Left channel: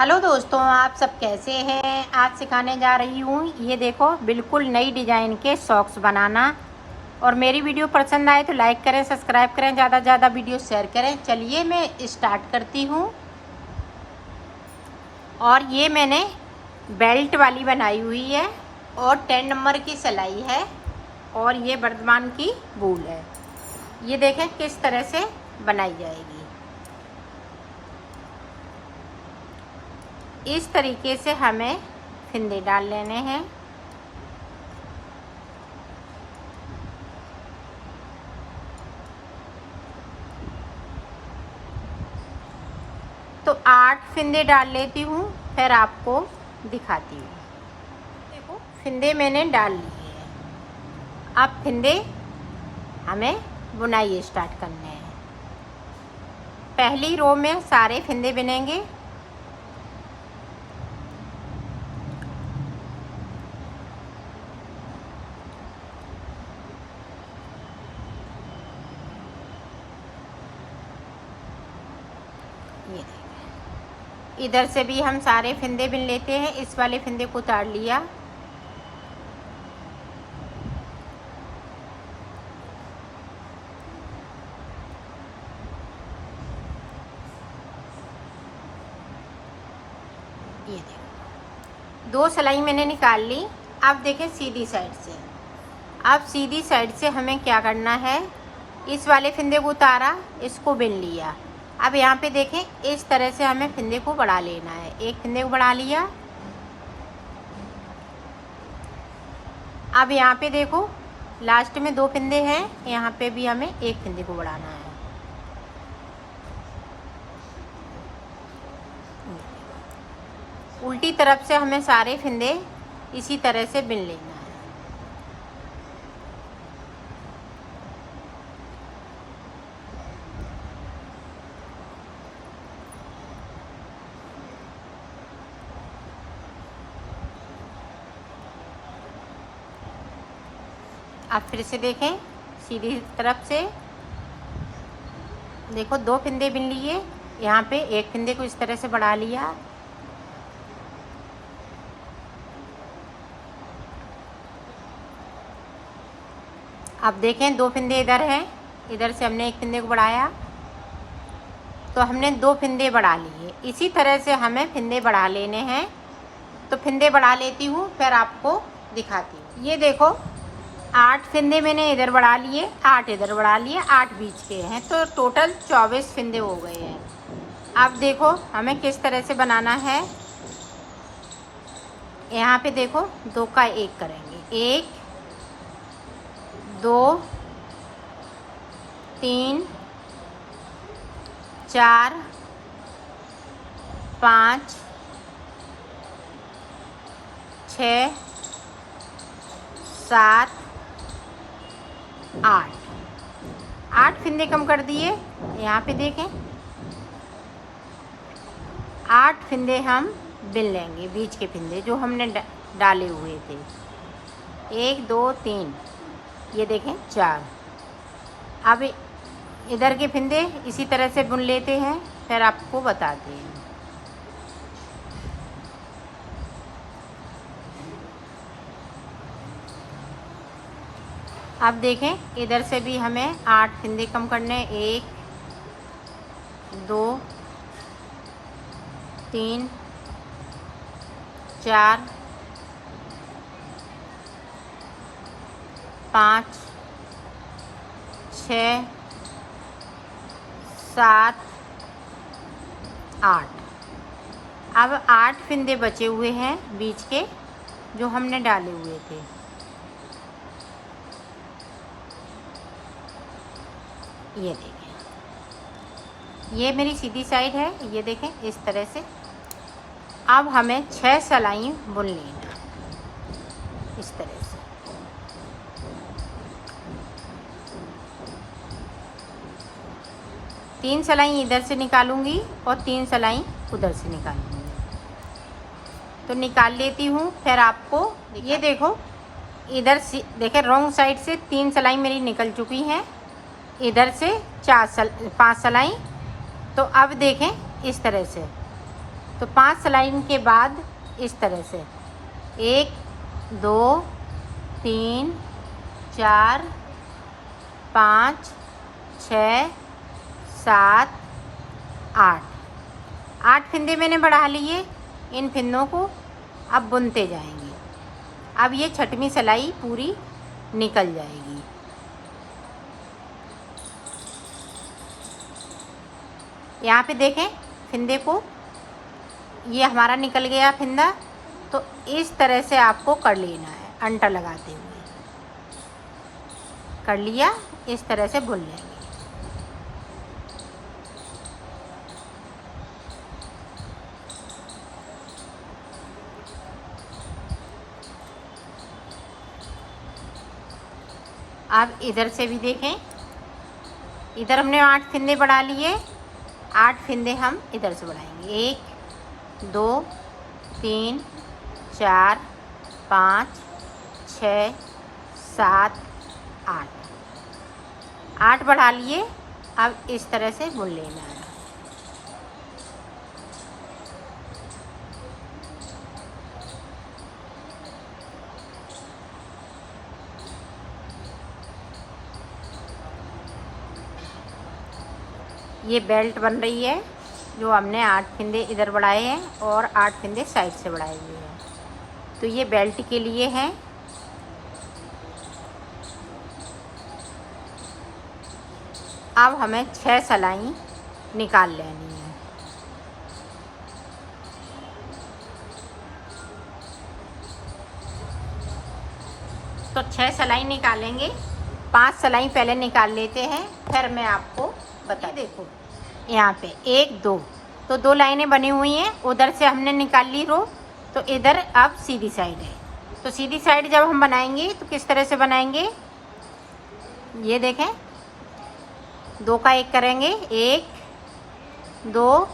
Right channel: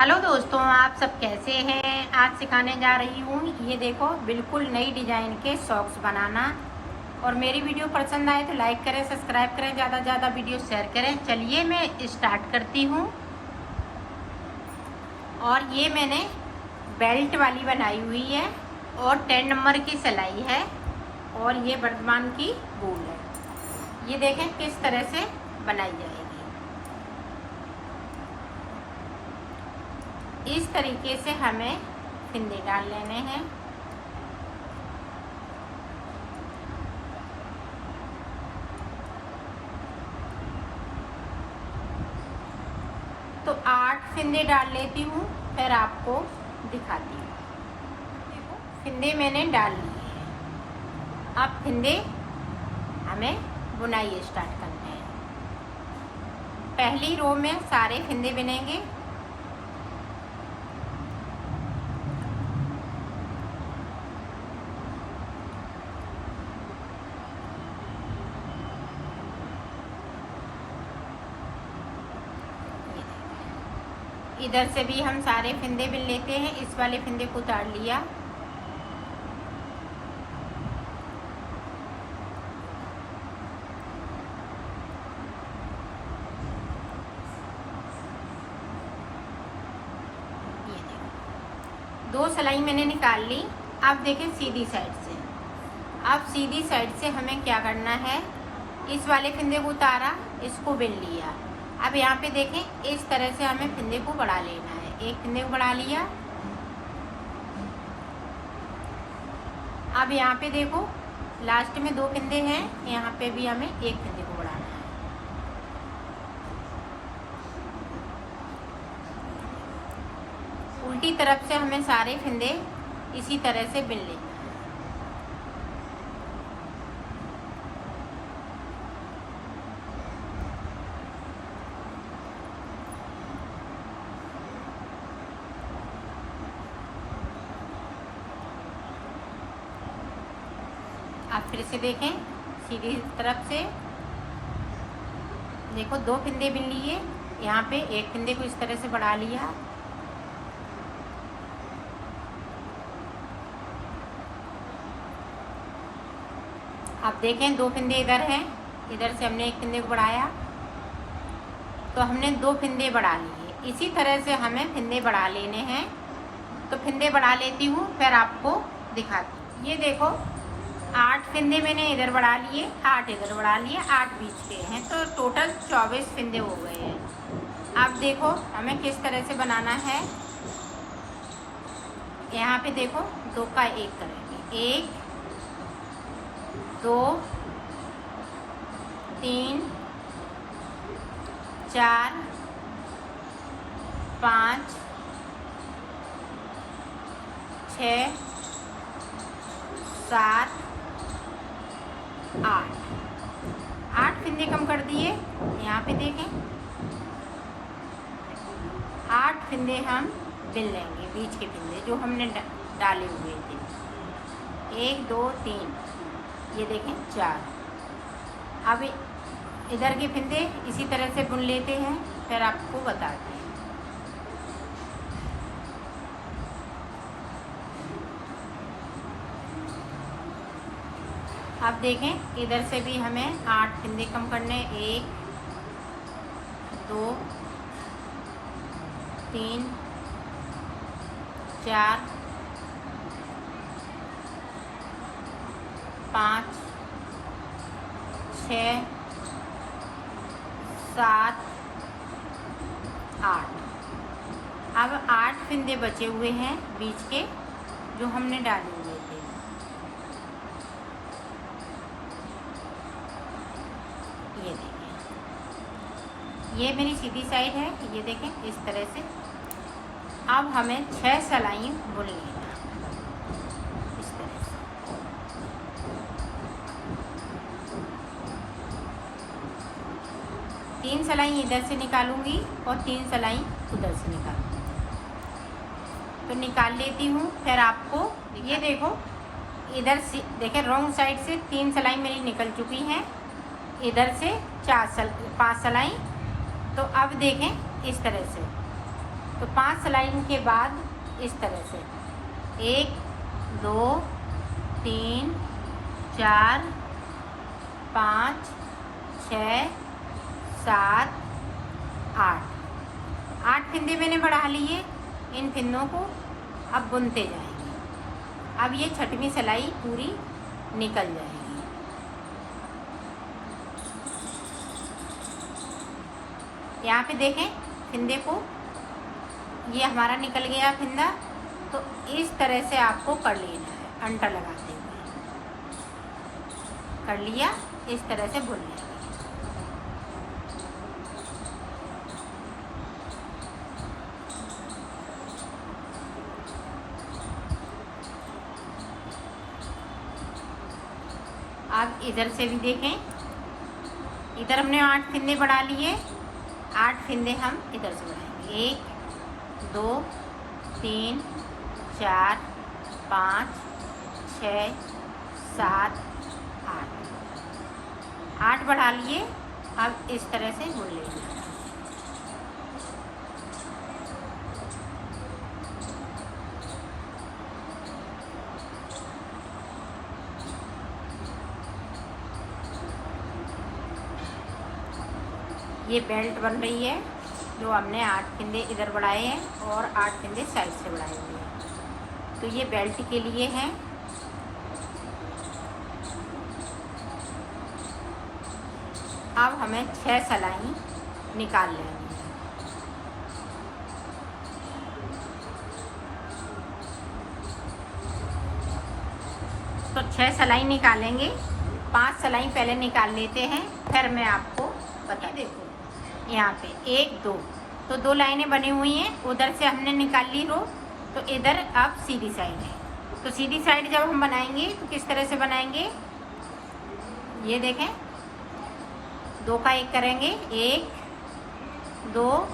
Hello दोस्तों, आप सब कैसे हैं। आज सिखाने जा रही हूँ, ये देखो बिल्कुल नई डिज़ाइन के सॉक्स बनाना। और मेरी वीडियो पसंद आए तो लाइक करें, सब्सक्राइब करें, ज़्यादा से ज़्यादा वीडियो शेयर करें। चलिए मैं स्टार्ट करती हूँ। और ये मैंने बेल्ट वाली बनाई हुई है और 10 नंबर की सिलाई है और ये वर्धमान की वूल है। ये देखें किस तरह से बनाई जाएगी। इस तरीके से हमें फिंदे डाल लेने हैं। तो 8 फिंदे डाल लेती हूँ, फिर आपको दिखाती हूँ। देखो फिंदे मैंने डाल लिए हैं। अब फिंदे हमें बुनाई स्टार्ट करनी है। पहली रो में सारे फिंदे बुनेंगे। इधर से भी हम सारे फिंदे बुन लेते हैं। इस वाले फिंदे को उतार लिया। ये देखो 2 सिलाई मैंने निकाल ली। अब देखें सीधी साइड से। अब सीधी साइड से हमें क्या करना है, इस वाले फिंदे को उतारा, इसको बुन लिया। अब यहाँ पे देखें इस तरह से हमें फिंदे को बढ़ा लेना है। एक फिंदे को बढ़ा लिया। अब यहाँ पे देखो लास्ट में 2 फिंदे हैं, यहाँ पे भी हमें एक फिंदे को बढ़ाना है। उल्टी तरफ से हमें सारे फिंदे इसी तरह से बुन लेने हैं। अब फिर से देखें सीधी तरफ से। देखो 2 फिंदे बुन लिए, यहाँ पे एक फिंदे को इस तरह से बढ़ा लिया। अब देखें 2 फिंदे इधर हैं, इधर से हमने एक फिंदे को बढ़ाया, तो हमने 2 फिंदे बढ़ा लिए। इसी तरह से हमें फिंदे बढ़ा लेने हैं। तो फिंदे बढ़ा लेती हूँ, फिर आपको दिखाती हूँ। ये देखो 8 फिंदे मैंने इधर बढ़ा लिए, 8 इधर बढ़ा लिए, 8 बीच के हैं, तो टोटल 24 फिंदे हो गए हैं। अब देखो हमें किस तरह से बनाना है। यहाँ पे देखो 2 का 1 करेंगे। 1 2 3 4 5 6 7 8 फिंदे कम कर दिए। यहाँ पे देखें 8 फिंदे हम बुन लेंगे, बीच के फिंदे जो हमने डाले हुए थे। 1 2 3, ये देखें 4। अब इधर के फिंदे इसी तरह से बुन लेते हैं, फिर आपको बताते हैं। अब देखें इधर से भी हमें 8 फिंदे कम करने। 1 2 3 4 5 6 7 8। अब 8 फिंदे बचे हुए हैं बीच के, जो हमने डाले हुए थे। ये देखें, ये मेरी सीधी साइड है। ये देखें इस तरह से। अब हमें 6 सिलाई बुन लेना इस तरह से। तीन सिलाई इधर से निकालूंगी और 3 सिलाई उधर से निकालूंगी। तो निकाल लेती हूँ, फिर आपको ये देखो इधर से देखें रॉन्ग साइड से 3 सिलाई मेरी निकल चुकी हैं, इधर से 5 सिलाई। तो अब देखें इस तरह से तो 5 सिलाई के बाद इस तरह से 1 2 3 4 5 6 7 8 फिंदे मैंने बढ़ा लिए। इन फिंदों को अब बुनते जाएंगे। अब ये छठवीं सिलाई पूरी निकल जाएगी। यहाँ पे देखें फिंदे को, ये हमारा निकल गया फिंदा। तो इस तरह से आपको कर लेना है, अंटा लगाते हुए कर लिया, इस तरह से बुन लेंगे। अब इधर से भी देखें, इधर हमने 8 फिंदे बढ़ा लिए। 8 फिंदे हम इधर से बढ़ाएंगे। 1 2 3 4 5 6 7 8 बढ़ा लिए। अब इस तरह से बुन लेंगे। ये बेल्ट बन रही है, जो हमने 8 फिंदे इधर बढ़ाए हैं और 8 फिंदे साइड से बढ़ाए हुए हैं। तो ये बेल्ट के लिए है। अब हमें 6 सिलाई निकाल लेनी है। तो 6 सिलाई निकालेंगे। 5 सिलाई पहले निकाल लेते हैं, फिर मैं आपको बता। देखो यहाँ पे 1 2 तो 2 लाइनें बनी हुई हैं। उधर से हमने निकाल ली रो, तो इधर अब सीधी साइड है। तो सीधी साइड जब हम बनाएंगे तो किस तरह से बनाएंगे, ये देखें 2 का 1 करेंगे। 1 2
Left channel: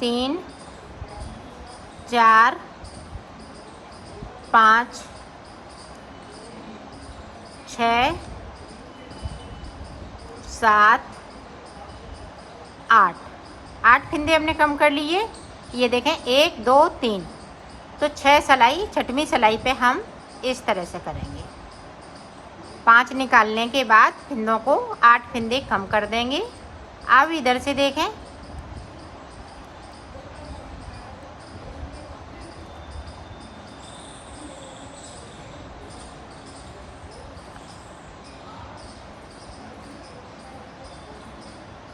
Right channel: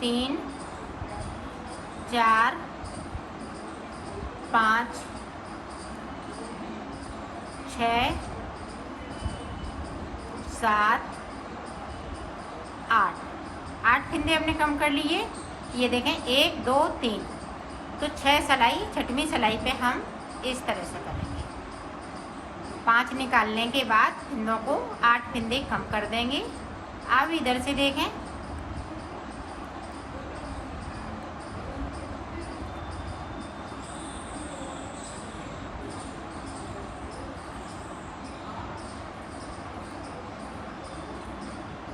3 4 5 6 7 8 फिंदे हमने कम कर लिए। ये देखें 1 2 3 तो 6 सिलाई छठवीं सिलाई पे हम इस तरह से करेंगे। 5 निकालने के बाद फिंदों को 8 फिंदे कम कर देंगे। अब इधर से देखें,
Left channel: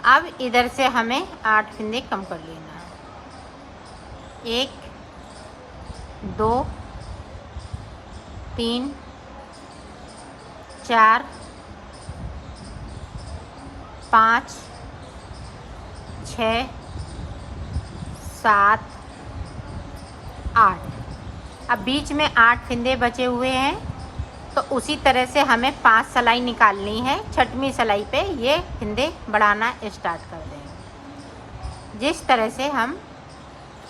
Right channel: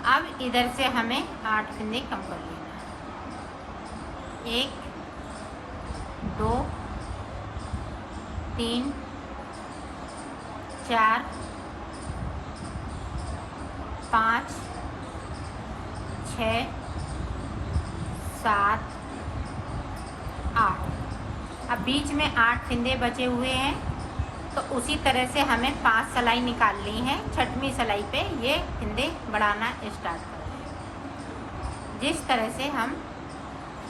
अब इधर से हमें 8 फिंदे कम कर लेना है। 1 2 3 4 5 6 7 8। अब बीच में 8 फिंदे बचे हुए हैं, तो उसी तरह से हमें 5 सिलाई निकालनी है। छठवीं सिलाई पे ये फिंदे बढ़ाना स्टार्ट कर दें। जिस तरह से हम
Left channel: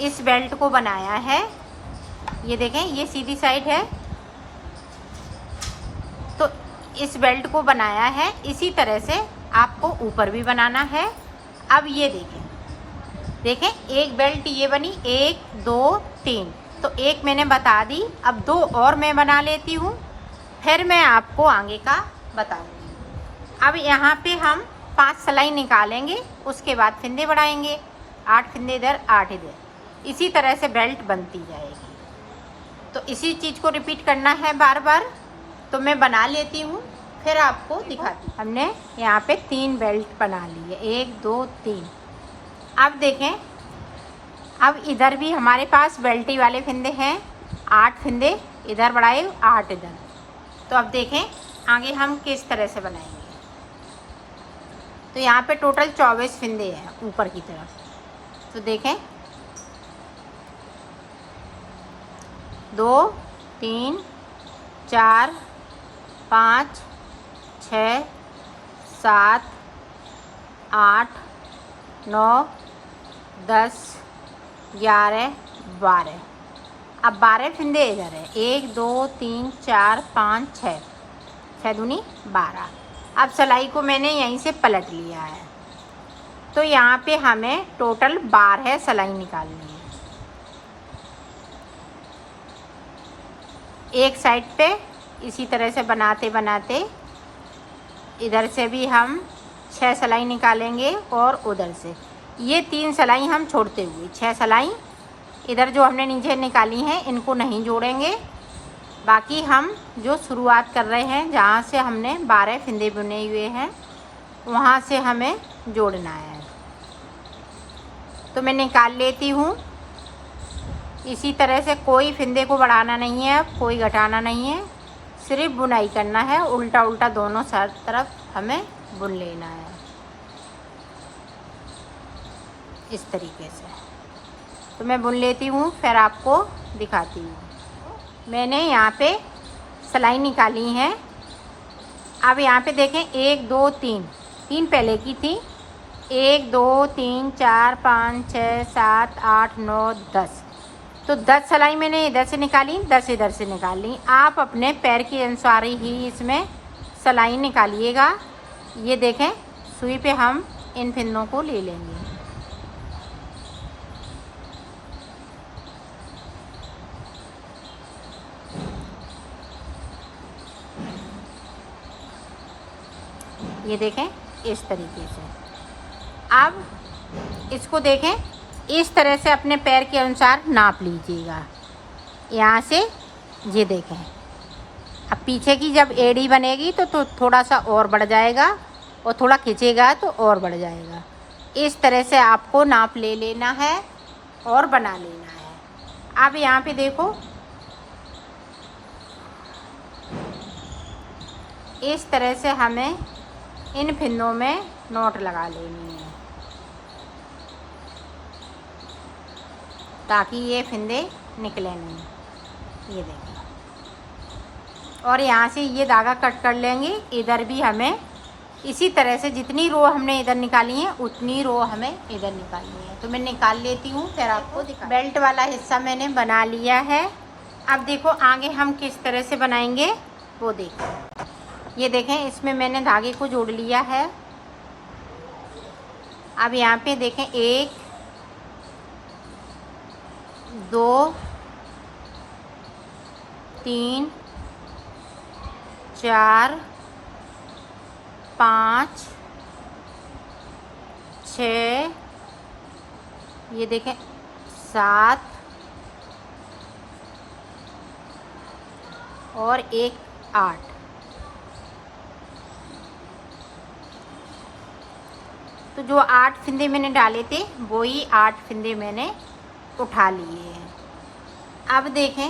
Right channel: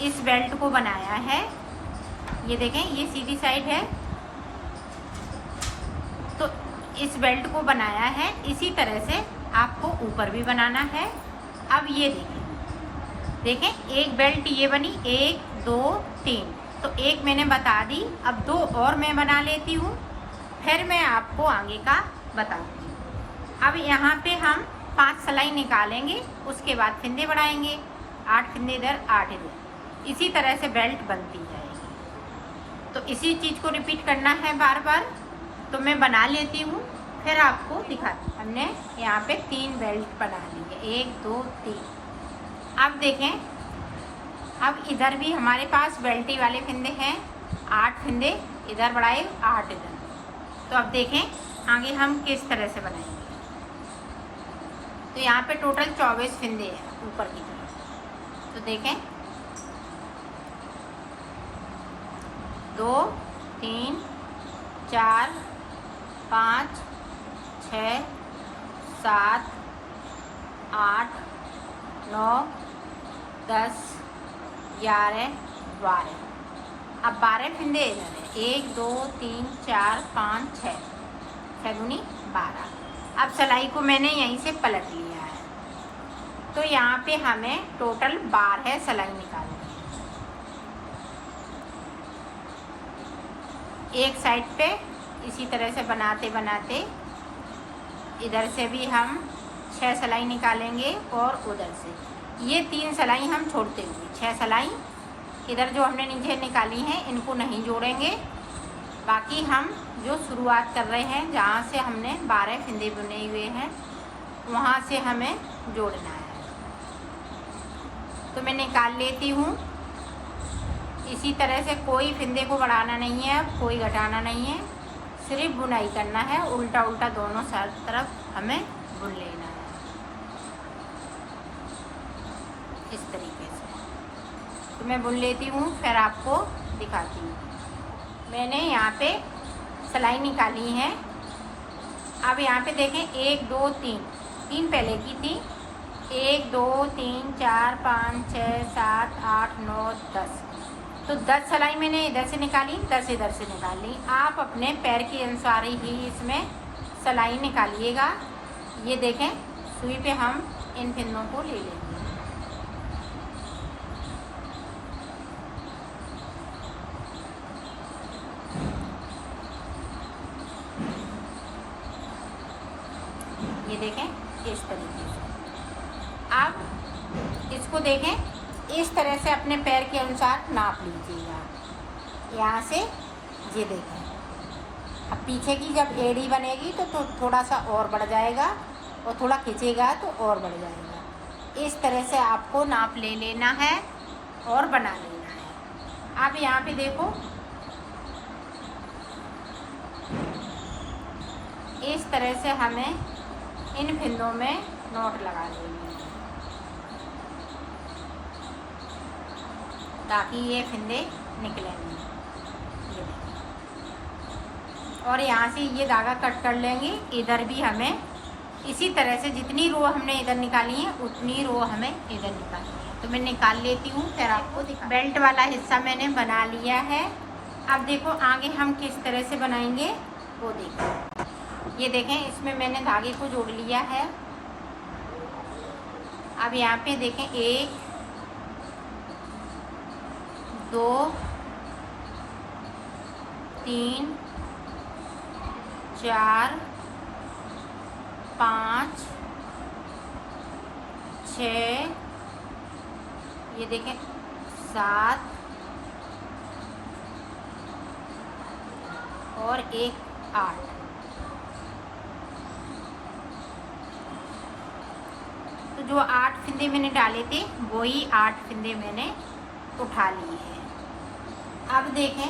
इस बेल्ट को बनाया है, ये देखें ये सीधी साइड है, तो इस बेल्ट को बनाया है, इसी तरह से आपको ऊपर भी बनाना है। अब ये देखें एक बेल्ट ये बनी 1 2 3, तो एक मैंने बता दी। अब 2 और मैं बना लेती हूँ, फिर मैं आपको आगे का बताऊँगी। अब यहाँ पे हम 5 सिलाई निकालेंगे, उसके बाद फिंदे बढ़ाएंगे। 8 फिंदे इधर 8 इधर, इसी तरह से बेल्ट बनती जाएगी। तो इसी चीज़ को रिपीट करना है बार बार। तो मैं बना लेती हूँ, फिर आपको दिखाती हूँ। हमने यहाँ पे 3 बेल्ट बना ली है, 1 2 3। अब देखें, अब इधर भी हमारे पास बेल्टी वाले फिंदे हैं। 8 फिंदे इधर बढ़ाए, 8 इधर। तो अब देखें आगे हम किस तरह से बनाएंगे। तो यहाँ पे टोटल 24 फिंदे हैं ऊपर की तरफ। तो देखें 2 3 4 5 6 7 8 9 10 11 12। अब 12 फिंदे इधर है, 1 2 3 4 5 6 6 दूनी 12। अब सिलाई को मैंने यहीं से पलट लिया है। तो यहाँ पे हमें टोटल 12 सिलाई निकालनी है। एक साइड पे इसी तरह से बनाते बनाते इधर से भी हम 6 सिलाई निकालेंगे और उधर से ये 3 सिलाई हम छोड़ते हुए 6 सिलाई इधर जो हमने नीचे निकाली हैं इनको नहीं जोड़ेंगे। बाकी हम जो शुरुआत कर रहे हैं जहाँ से हमने 12 फंदे बुने हुए हैं वहाँ से हमें जोड़ना है। तो मैं निकाल लेती हूँ। इसी तरह से कोई फंदे को बढ़ाना नहीं है, कोई घटाना नहीं है, सिर्फ बुनाई करना है। उल्टा उल्टा दोनों तरफ हमें बुन लेना है इस तरीके से। तो मैं बुन लेती हूँ फिर आपको दिखाती हूँ। मैंने यहाँ पे सिलाई निकाली है। अब यहाँ पे देखें 1 2 3 पहले की थी। 1 2 3 4 5 6 7 8 9 10। तो 10 सिलाई मैंने इधर से निकाली, 10 इधर से निकाली। आप अपने पैर के अनुसार ही इसमें सिलाई निकालिएगा। ये देखें सुई पे हम इन फंदों को ले लेंगे। ये देखें इस तरीके से। अब इसको देखें इस तरह से अपने पैर के अनुसार नाप लीजिएगा। यहाँ से ये देखें। अब पीछे की जब एड़ी बनेगी तो थोड़ा सा और बढ़ जाएगा और थोड़ा खींचेगा तो और बढ़ जाएगा। इस तरह से आपको नाप ले लेना है और बना लेना है। अब यहाँ पे देखो इस तरह से हमें इन फंदों में नोट लगा लेनी है ताकि ये फंदे निकले नहीं। ये देखिए। और यहाँ से ये धागा कट कर लेंगे। इधर भी हमें इसी तरह से जितनी रो हमने इधर निकाली है उतनी रो हमें इधर निकालनी है। तो मैं निकाल लेती हूँ फिर आपको दिखा। बेल्ट वाला हिस्सा मैंने बना लिया है। अब देखो आगे हम किस तरह से बनाएंगे वो देखो। ये देखें इसमें मैंने धागे को जोड़ लिया है। अब यहाँ पे देखें 1 2 3 4 5 6 ये देखें 7 और 1 8। तो जो 8 फंदे मैंने डाले थे वही 8 फंदे मैंने उठा लिए हैं। अब देखें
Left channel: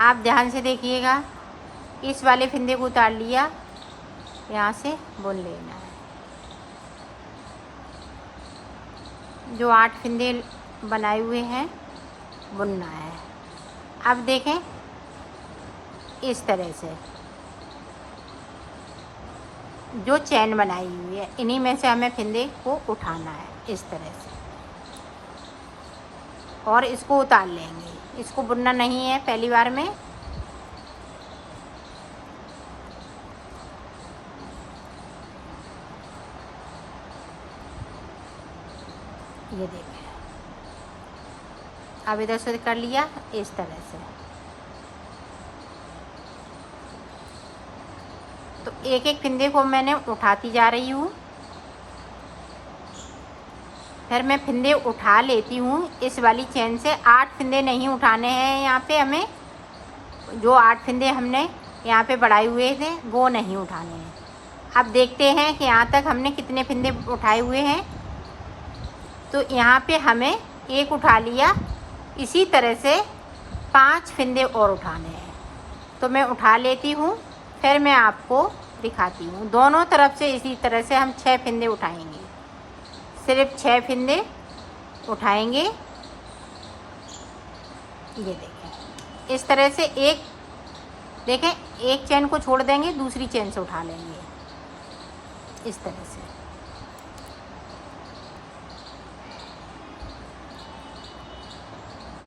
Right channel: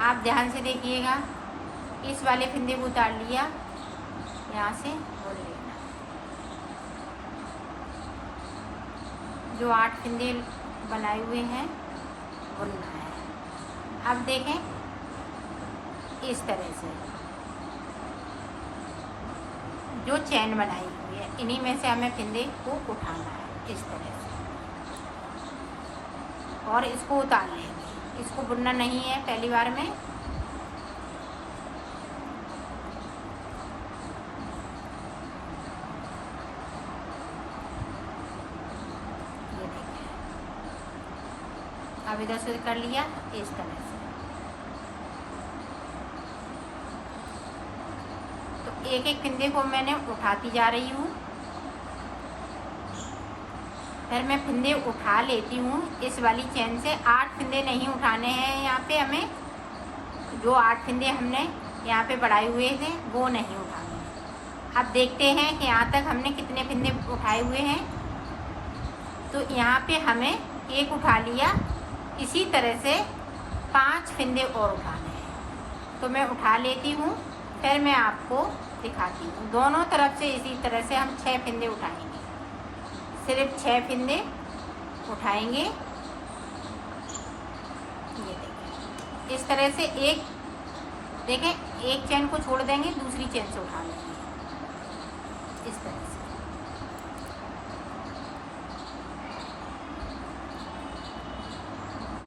आप ध्यान से देखिएगा। इस वाले फंदे को उतार लिया, यहाँ से बुन लेना। जो 8 फंदे बनाए हुए हैं बुनना है। अब देखें इस तरह से जो चैन बनाई हुई है इन्हीं में से हमें फंदे को उठाना है इस तरह से और इसको उतार लेंगे। इसको बुनना नहीं है पहली बार में। ये देखिए अब इधर से कर लिया इस तरह से। तो एक एक फंदे को मैंने उठाती जा रही हूँ। फिर मैं फंदे उठा लेती हूँ इस वाली चेन से। 8 फंदे नहीं उठाने हैं यहाँ पे हमें। जो 8 फंदे हमने यहाँ पे बढ़ाए हुए थे वो नहीं उठाने हैं। अब देखते हैं कि यहाँ तक हमने कितने फंदे उठाए हुए हैं। तो यहाँ पे हमें 1 उठा लिया। इसी तरह से 5 फंदे और उठाने हैं। तो मैं उठा लेती हूँ फिर मैं आपको दिखाती हूँ। दोनों तरफ से इसी तरह से हम 6 फंदे उठाएंगे। सिर्फ 6 फंदे उठाएंगे। ये देखें इस तरह से एक देखें एक चेन को छोड़ देंगे, दूसरी चेन से उठा लेंगे इस तरह से।